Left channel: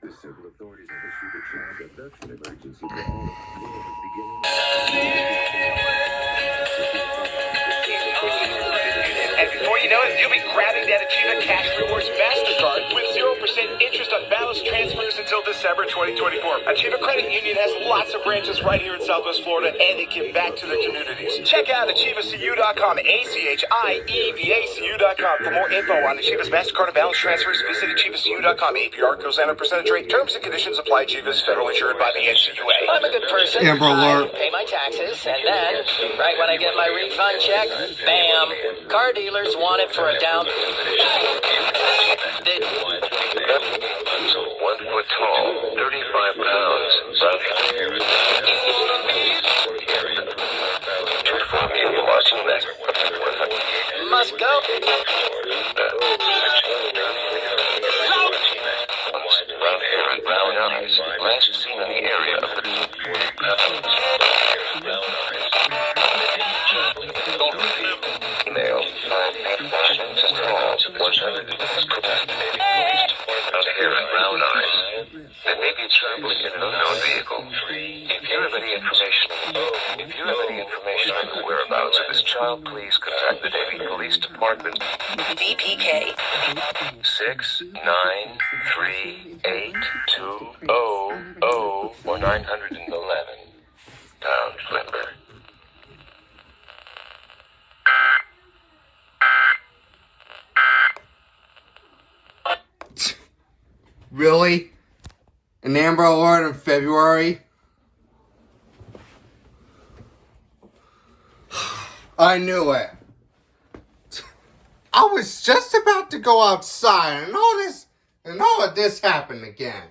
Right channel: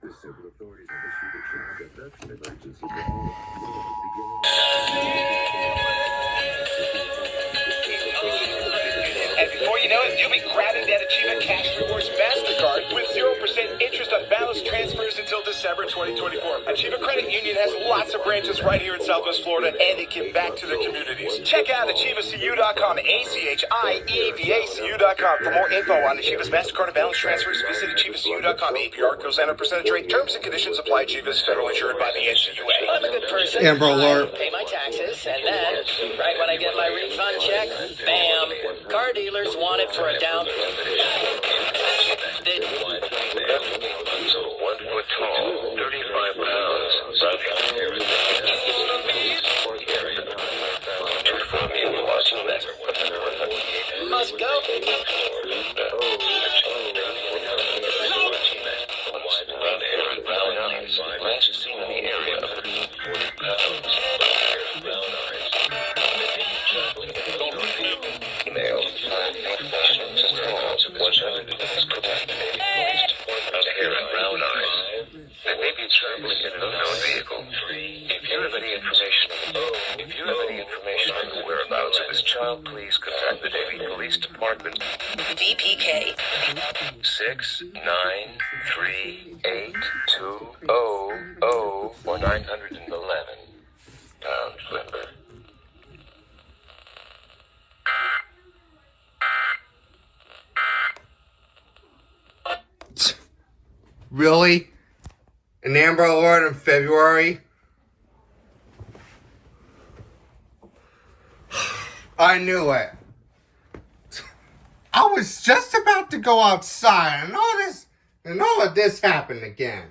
The civil authorities have issued a child abduction emergency for all And before you know it, you'll be grabbing that Achieva Cash Rewards MasterCard with 0% interest on balance transfers until December 2024. Achieva Credit Union has lots of branches right here in Southwest Florida, and they give back to their communities. Check out AchievaCU.com, AchievaCU.com. For more info on Achieva's MasterCard and balance transfers, visit AchievaCU.com. APR goes down a percentage rate. Terms and conditions apply. Achieva is federally insured by the NCUA. I'm a good person. Amber Alert. I pay my taxes, and then, right when I get my refund check, bam, car dealers want it for a down. 1 foot tall, 35 pounds, Must go. Brown hair and brown eyes, last seen in the area of the female, 5 feet 5 inches tall, 100 brown hair and brown eyes. They may be traveling in an unknown vehicle. If you have any information on the whereabouts of this child, please contact the Davie Police Department. DPK. 6938200 or 911 pound limber. Really? An Amber Alert in February? I knew it. I was just about to go outside and all of this happened again.